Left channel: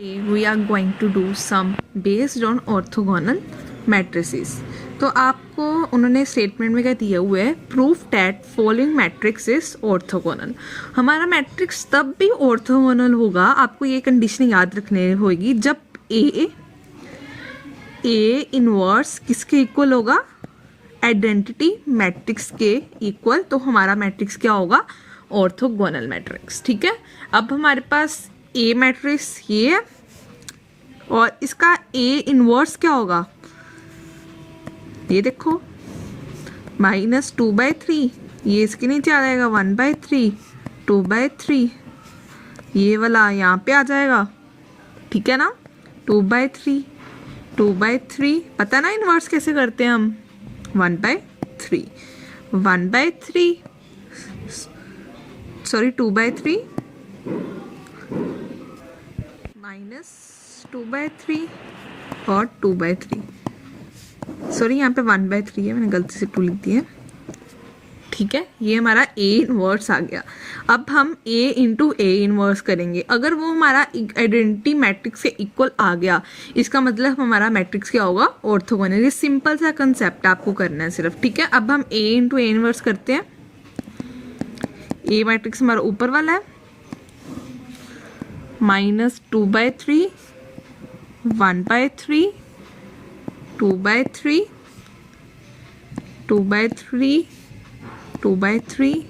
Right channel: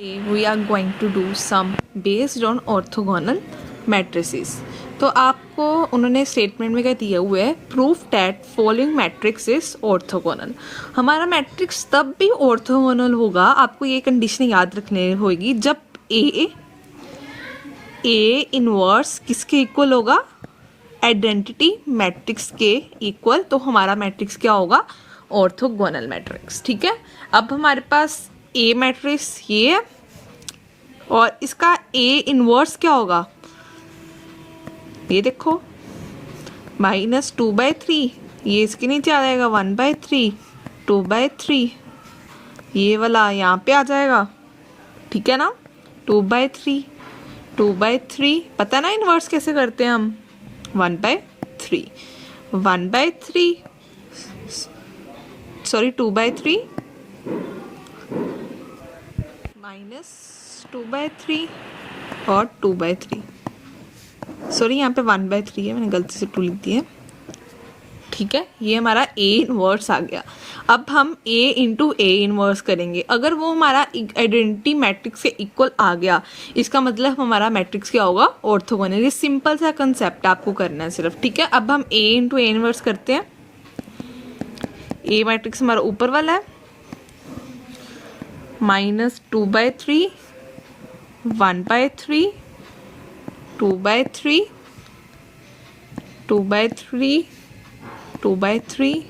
We are going to do some based on orthogonal matrices। तो आपको उन्होंने statement में क्या दिया हुआ है, proof that following matrix is orthogonal. हमारा मैट्रिक्स तब भी ऑर्थोगोनल होगा, आपको ये कंडीशन याद रखनी होगी, जब ए इनवर्स किसके इक्वल होगा, आइडेंटिटी मैट्रिक्स के इक्वल, तो हमारा मैट्रिक्स क्या होगा, ऑर्थोगोनल मैट्रिक्स। ठीक है, अब हमारे पास ए मैट्रिक्स ये है और इसका ए इनवर्स क्या होगा, ये देखो -2/3, ये इसके नीचे आ जाएगा 1/3, 2/3, ये वाला यहाँ पे आ जाएगा। ठीक है ना, 2/3, 2/3, पता ना इनवर्स कैसे करते हैं हम, 1/3, 1/3, सॉरी 2/3 -2/3 और 2/3, सॉरी यहाँ पे 1/3 है, मैंने गलती से 2 लिख दिया है। ठीक है, ये हमारा ए इनवर्स आ गया। अब हम ए इंटू ए इनवर्स करेंगे, अगर वो हमारा आइडेंटिटी मैट्रिक्स के इक्वल आ गया, इसका मतलब हमारा मैट्रिक्स क्या होगा, ऑर्थोगोनल। ये सिंपल सा कंसेप्ट आपको करना है सिर्फ। ठीक है, अब हम ए इंटू ए इनवर्स करते हैं। ए मैट्रिक्स हमारा ऊपर वाला है, -2/3, 1/3, 2/3, 2/3, 2/3,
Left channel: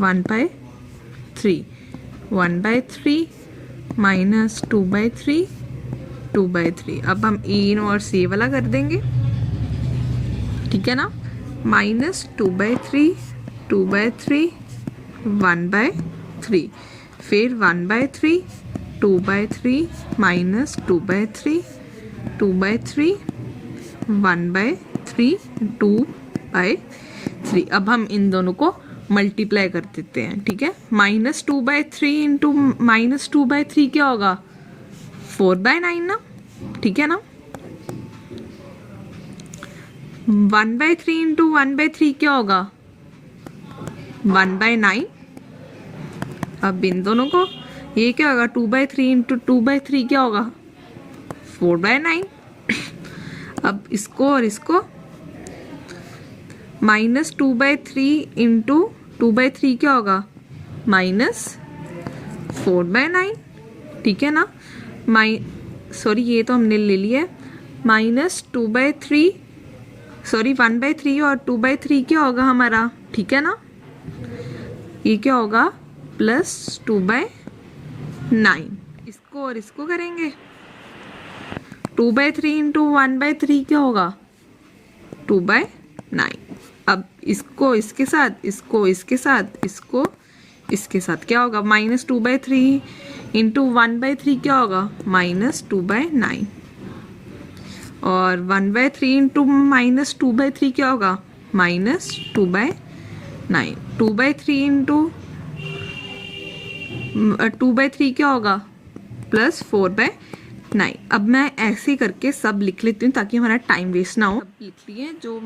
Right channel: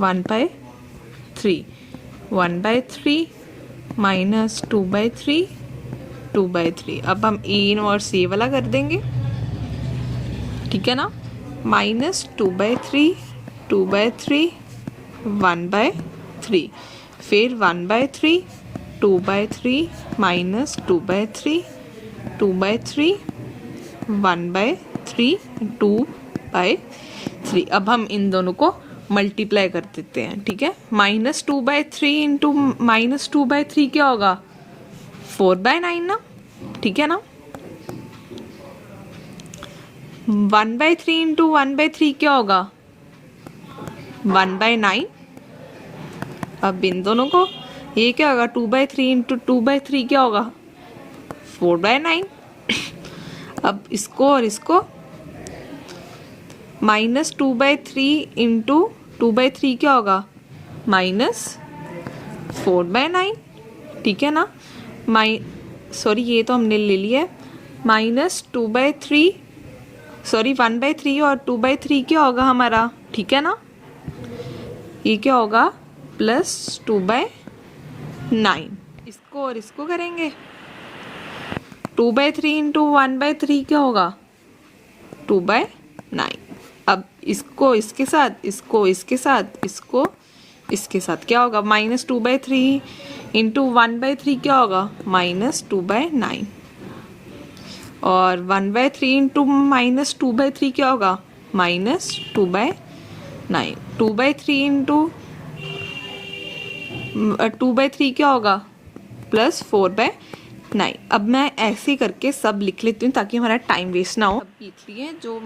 1/3, 1/3, -2/3, 2/3। अब हम ए इनवर्स ये वाला कर देंगे। ठीक है ना, -2/3, 2/3, 1/3, फिर 1/3, 2/3, -2/3, 2/3, 1/3, 2/3। अब हम इन दोनों को मल्टीप्लाई कर देते हैं। ठीक है, -2/3 इंटू -2/3 क्या होगा, 4/9 ना। ठीक है ना, 1/3 इंटू 1/3 क्या होगा, 1/9। अब इन दोनों को, ये क्या होगा, 2/3 इंटू 2/3 क्या होगा, 4/9। अब इसको और इसको, -2/3 इंटू 2/3 क्या होगा, -4/9। ठीक है ना, सॉरी ये तो हमने ले लिया है, -2/3, सॉरी 1/3 और 2/3 क्या होगा हमारा। ठीक है ना, ये क्या होगा, +2/9। इसको और इसको करेंगे, 2/3 इंटू 1/3 क्या होगा, 2/9। अब इसको इसके साथ, इसको इसके साथ, इसको इसके साथ क्या होगा, -2/3 इंटू 1/3 क्या होगा, -2/9, और 1/3 इंटू -2/3 क्या होगा, -2/9, 2/3 इंटू 2/3 क्या होगा, +4/9। अब मैं ऐसे ही करके सब लिख लेती हूँ ताकि हमारा टाइम वेस्ट ना हो। अब लिख लिए जो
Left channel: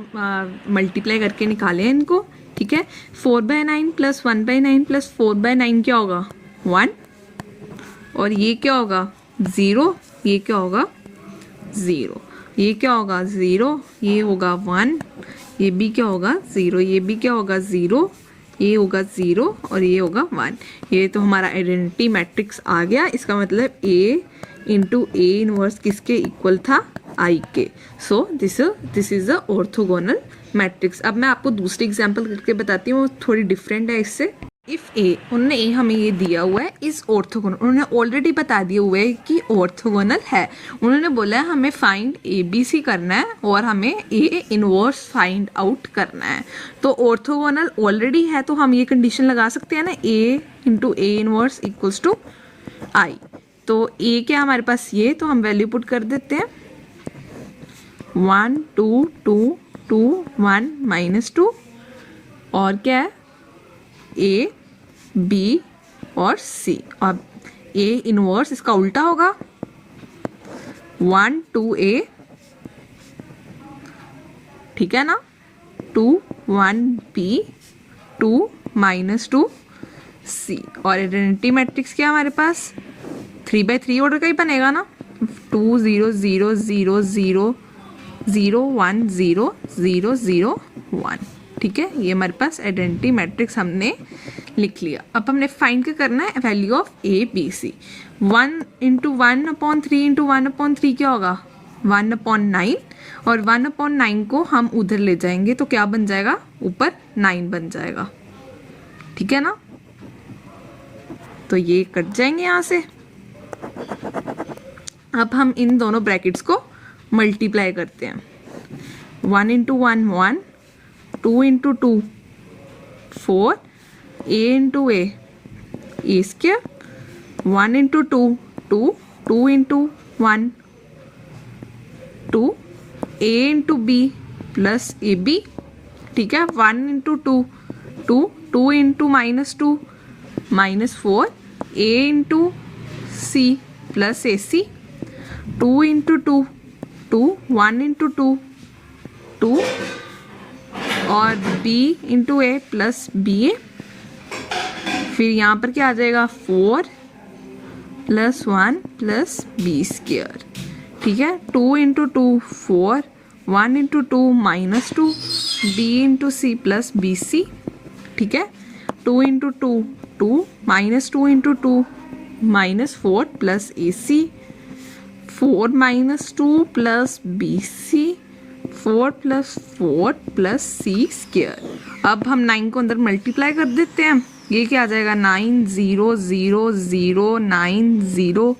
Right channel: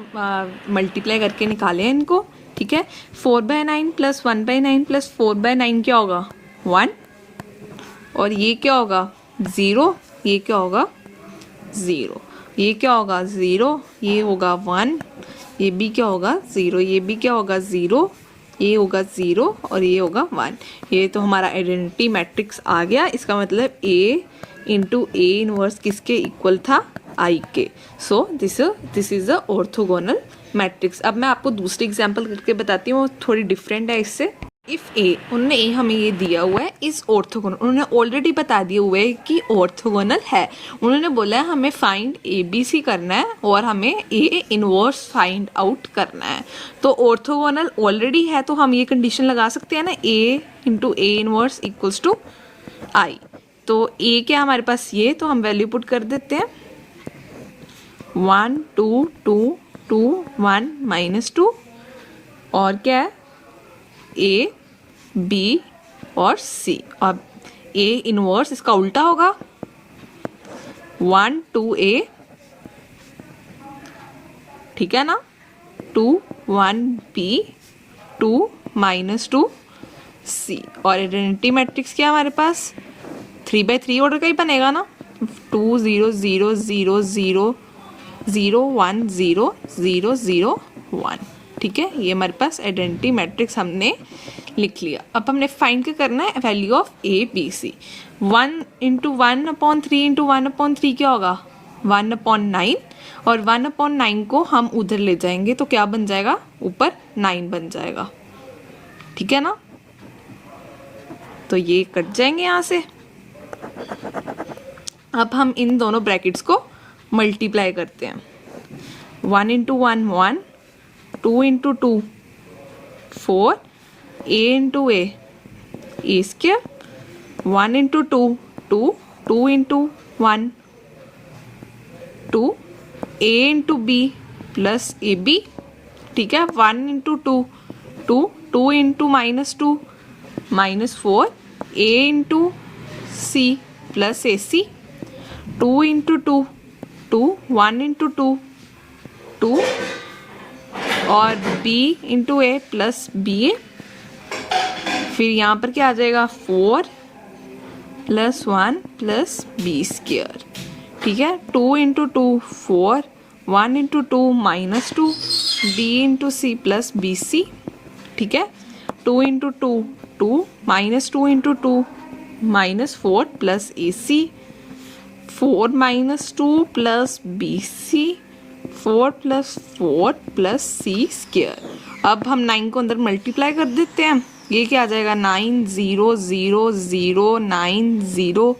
मल्टीप्लाई करके निकाले हैं इनको। ठीक है, 4/9 + 1/9 + 4/9 क्या होगा, 1, और ये क्या होगा, 0, ये क्या होगा, 0, ये क्या होगा, 0, ये होगा 1, ये भी क्या होगा, 0, ये भी क्या होगा, 0, ये होगा 0, और ये होगा 1। ये तो हमारा आइडेंटिटी मैट्रिक्स आ गया। इसका मतलब ए इंटू ए इनवर्स किसके इक्वल था, आई के। So this is a orthogonal matrix. अब मैं आपको दूसरी एग्जांपल करके बताती हूँ, वो थोड़ी डिफरेंट है इससे। इफ ए, उन्होंने ए हमें ये दिया हुआ है, इस ऑर्थोगोनल, उन्होंने ऑलरेडी बता दिया हुआ है कि ऑर्थोगोनल है। उन्होंने बोला है हमें फाइंड ABC करना है और हमें ए इनवर्स फाइंड आउट करना है। तो ऑर्थोगोनल ऑलरेडी है, तो हम ये कंडीशन लगा सकते हैं ना, A into A inverse equals to I. तो ए क्या हमारे पास, ये तो हम वैल्यू पुट कर देते हैं, 1 2 2 2 1 -2, और क्या है, ए बी और सी। अब ए इनवर्स इसका उल्टा होगा, 1 2 A, ठीक है ना, 2 1 B, 2 -2 C। और आइडेंटिटी मैट्रिक्स क्या है हमारे पास, 3/3 ऑर्डर का ही बनेगा ना, 2 0 0 0 0 0 1 0 0 0 1। ठीक है, ये हमारे पास आइडेंटिटी मैट्रिक्स हमने लिख लिया। अब हमने फाइंड क्या करना है, value of A B C. 1 into 1/3 into 1/3 क्या होगा, 1/9, और 1/9 को हम उधर ले जाएंगे तो क्या बन जाएगा, ऊपर 9 बन जाएगा। ठीक है ना, तो ये कट जाएंगे यहां से। अब हम इन दोनों ब्रैकेट्स को मल्टीप्लाई करते हैं। 1 into 1 1, 2 into 2 4, a into a square, 1 into 2 2, 2 into 1 2, a into b plus a b. ठीक है, 1 into 2 2, 2 into -2 -4, a into c plus a c, 2 into 2 2, 1 into 2 2, और b into a plus b a. फिर यहाँ पर क्या आ जाएगा, 4 + 1 + b स्क्वायर। ठीक है, 2 into 2 4, 1 into 2 -2, b into c plus b c. ठीक है, 2 into 2 2, -2 into 2 -4 plus a c, 4 -2 plus b c, 4 + 4 plus c square. अब हम 9 को अंदर मल्टीप्लाई कर देते हैं, ये क्या आ जाएगा, 9 0 0 0 9 0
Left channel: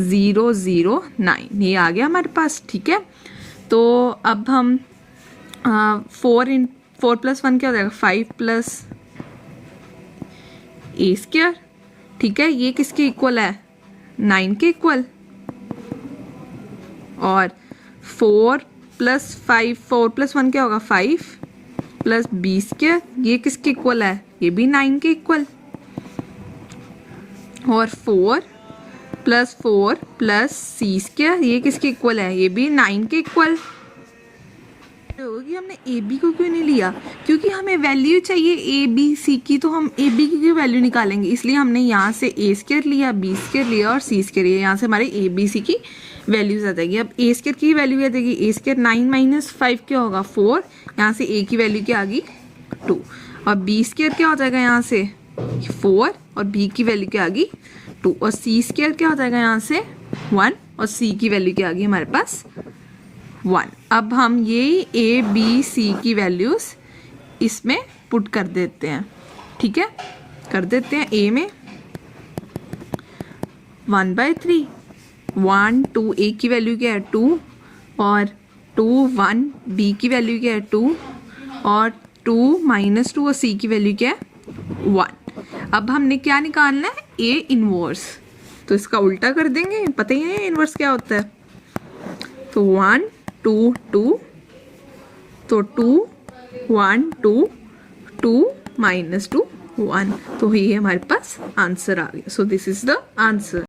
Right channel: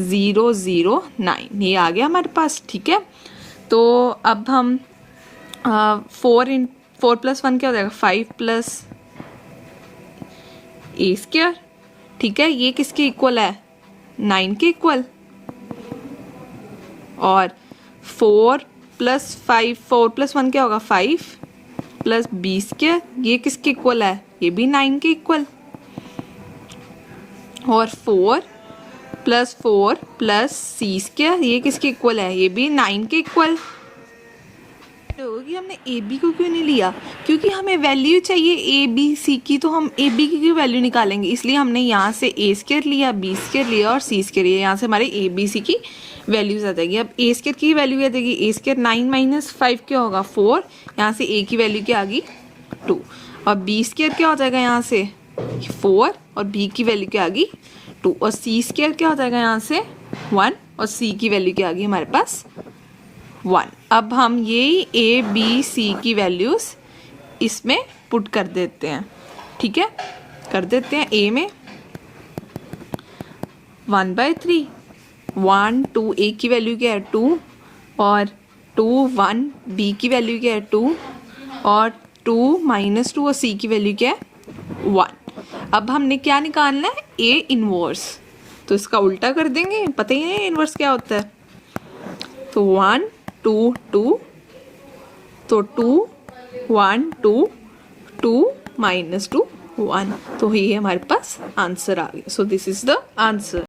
0 0 9, ये आ गया हमारे पास। ठीक है, तो अब हम 4 + 1 क्या हो जाएगा, 5 प्लस ए स्क्वायर। ठीक है, ये किसके इक्वल है, 9 के इक्वल। और 4 + 5, 4 + 1 क्या होगा, 5 प्लस बी स्क्वायर, ये किसके इक्वल है, ये भी 9 के इक्वल। और 4 + 4 प्लस सी स्क्वायर, ये किसके इक्वल है, ये भी 9 के इक्वल। कि हमने ए बी को क्यों नहीं लिया, क्योंकि हमें वैल्यू चाहिए ए बी सी की, तो हम ए बी की वैल्यू निकालेंगे, इसलिए हमने यहाँ से ए स्क्वायर लिया, बी स्क्वायर लिया और सी स्क्वायर लिया। यहाँ से हमारे ए बी सी की वैल्यूज आ जाएगी। अब ए स्क्वायर की वैल्यू क्या देगी, ए स्क्वायर 9 - 5 क्या होगा, 4, यहाँ से ए की वैल्यू क्या आ गई, 2, और बी स्क्वायर क्या हो जाएगा, यहाँ से 4, और बी की वैल्यू क्या आ गई, 2, और सी स्क्वायर क्या हो जाएगा, यहाँ से 1, और सी की वैल्यू क्या आ गई हमारे पास, 1। अब हम ये ए बी सी की वैल्यूज इसमें पुट कर देते हैं। ठीक है, कर देते हैं। ए में 1/3, 1 2, ए की वैल्यू क्या है 2, और 2 1, बी की वैल्यू क्या है 2, और 2 -2, और सी की वैल्यू क्या है 1। अब हमने क्या निकालना है, ए इनवर्स, तो इसका उल्टा कर देंगे, पता ही नहीं इनवर्स क्या होता है। तो 1 2 2, तो 2 1 2 2 -2 1, तो ये हमारे पास आंसर आ गया। So this is the answer.